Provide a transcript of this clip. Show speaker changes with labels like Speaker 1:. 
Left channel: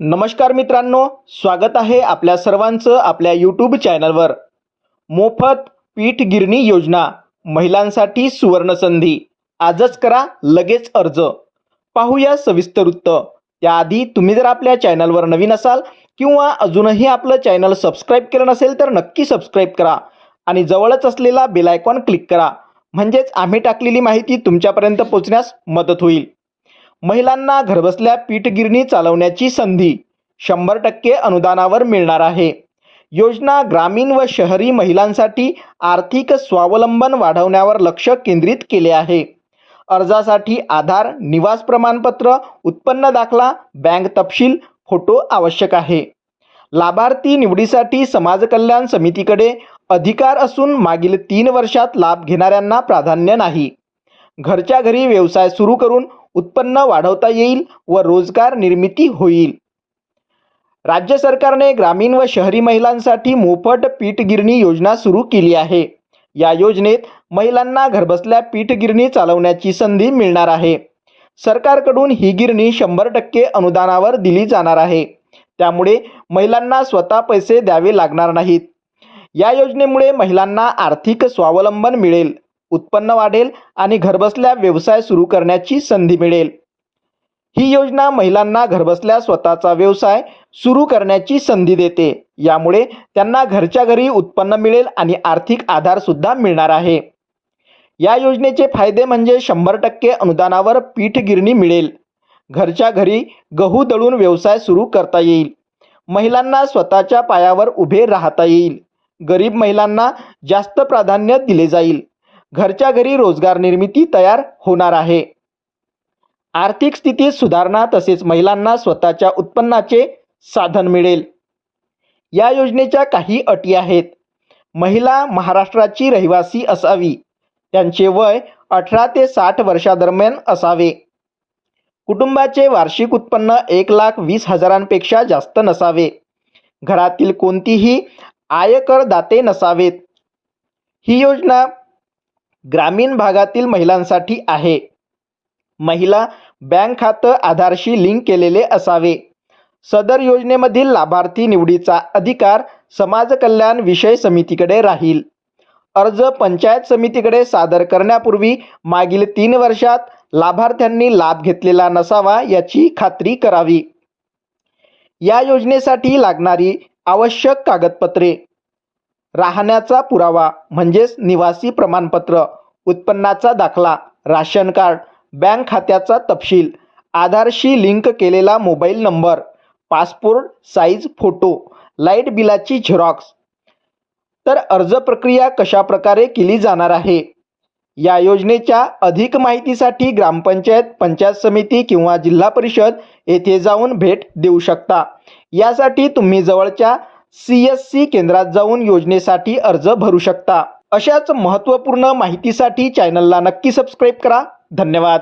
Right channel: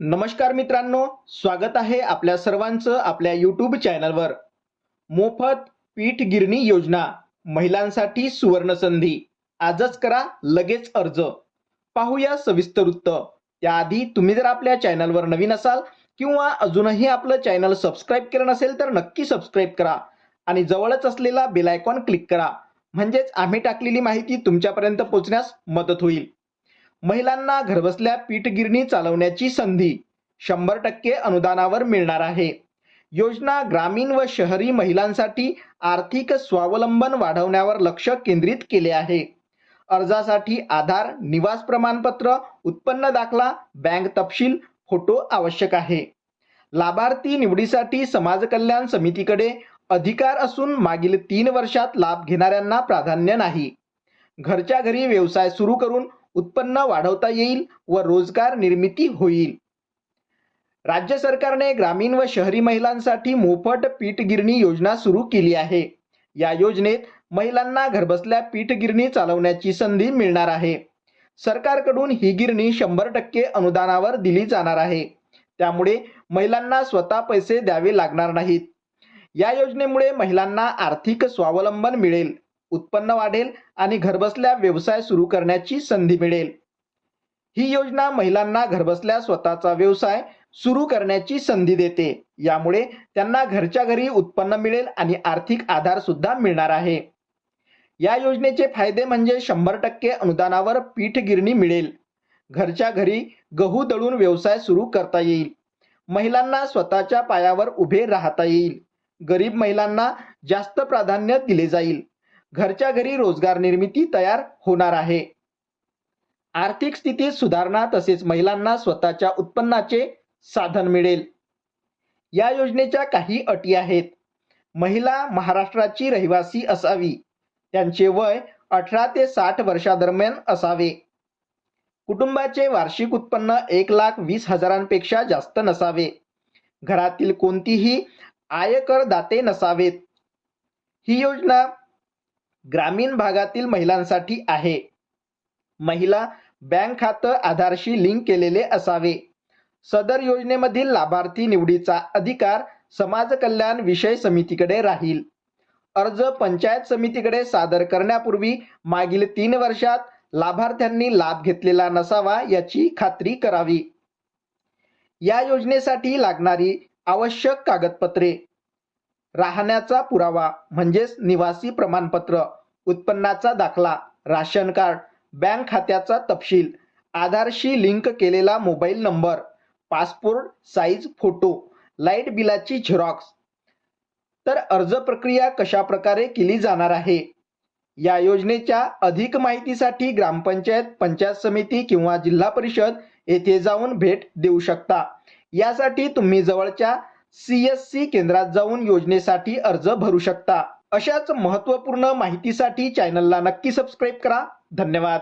Speaker 1: नमस्कार मित्रांनो स्वागत आहे आपल्या सर्वांचं आपल्या यूट्यूब चॅनलवर मोफत पीठ गिरणी योजना महिलांसाठी सुवर्णसंधी आजच करा लगेच अर्ज. पाहूया सविस्तर वृत्त त्याआधी तुम्ही जर आपल्या चॅनलवर नवीन असाल किंवा अजूनही आपलं चॅनल सबस्क्राईब केलं नसेल तर नक्की सबस्क्राईब करा आणि जवळच असलेला बेलायकॉन क्लिक करा. म्हणजेच आम्ही टाकलेली माहिती तुमच्यापर्यंत पोहोचण्यास मदत होईल. महिलांना घरबसल्या पीठगिरणी चालवण्याची संधी शंभर टक्के अनुदानावर मिळणार आहे. योजना ग्रामीण व शहरी महिलांसाठी आर्थिक स्वावलंबन वाढवण्यावर लक्ष केंद्रित केले आहे. अर्जासाठी आधार निवास प्रमाणपत्र उत्पन्न दाखला बँक तपशील फोटो आवश्यक आहे. लाभार्थी निवडीसाठी समाज कल्याण समितीकडे अधिकार असून मागील तीन वर्षात लाभ घेणाऱ्यांना प्राधान्य नाही. घरच्या घरी व्यवसाय सुरू करून उत्पन्न वाढवता येईल व रोजगार निर्मिती होईल. राज्य सरकारने ग्रामीण व शहरी महिलांसाठी मोफत पीठ गिरणी योजना सुरू केली आहे. या योजनेत महिलांना घरबसल्या पीठ गिरणी चालवण्याची संधी मिळणार आहे. सरकारकडून ही गिरणी शंभर टक्के अनुदानावर दिली जाणार आहे. त्यामुळे महिलांना स्वतः पैसे द्यावे लागणार नाहीत. या योजनेमुळे महिलांना आर्थिक स्वावलंबन मिळेल. उत्पन्न वाढेल आणि घरबसल्या व्यवसाय सुरू करण्याची संधी मिळेल. ही योजना महिलांना घरबसल्या स्वतःचा व्यवसाय सुरू करण्याची संधी देते. यामुळे त्यांना घरच्या घरी उत्पन्न मिळेल आणि आर्थिक आधार सुद्धा मिळणार आहे. या योजनेचे फायदे म्हणजे शंभर टक्के अनुदानावर पीठ गिरणी मिळेल. घरच्या घरी गहू दळून व्यवसाय सुरू करता येईल. महिलांना स्वतःच्या पायावर उभे राहता येईल. गरीब महिलांना जास्त प्राधान्य दिले जाईल. घरच्या घरी रोजगार निर्मिती तयार होणार आहे. आर्थिक स्थितीत सुधारणा तसेच महिलांना स्वतःच्या उत्पन्नाचे साधन मिळेल. या योजनेच्या काही अटी आहेत. महिला महाराष्ट्राची रहिवासी असावी. त्यांचे वय अठरा ते साठ वर्षादरम्यान असावे. कुटुंबाचे वार्षिक उत्पन्न एक लाख वीस हजारांपेक्षा जास्त नसावे. घरातील कोणतीही आयकर दाते नसावेत. ही योजना ग्रामीण भागातील महिलांसाठी आहे. महिला बँक खातं आधारशी लिंक केलेले असावे. सदर योजनेमधील लाभार्थी निवडीचा अधिकार समाज कल्याण विषय समितीकडे राहील. अर्ज पंचायत समितीकडे सादर करण्यापूर्वी मागील तीन वर्षात लाभार्थ्यांनी लाभ घेतलेला नसावा याची खात्री करावी. या योजनेसाठी लागणारी आवश्यक कागदपत्रे. राहण्याचा पुरावा म्हणजेच निवासी प्रमाणपत्र. उत्पन्नाचा दाखला राशन कार्ड बँक खात्याचा तपशील आधारशी लिंक केलेला mobile number passport size photo light बिलाची झेरॉक्स. तर अर्ज प्रक्रिया कशा प्रकारे केली जाणार आहे? या योजनेच्या अधिक माहितीसाठी ग्रामपंचायत पंचायत समिती किंवा जिल्हा परिषद येथे जाऊन भेट देऊ शकता. यासाठी तुम्ही जवळच्या सी एस सी केंद्रात जाऊन योजनेसाठी अर्ज भरू शकता. अशाच महत्त्वपूर्ण माहितीसाठी चॅनलला नक्की सबस्क्राईब करा. धन्यवाद.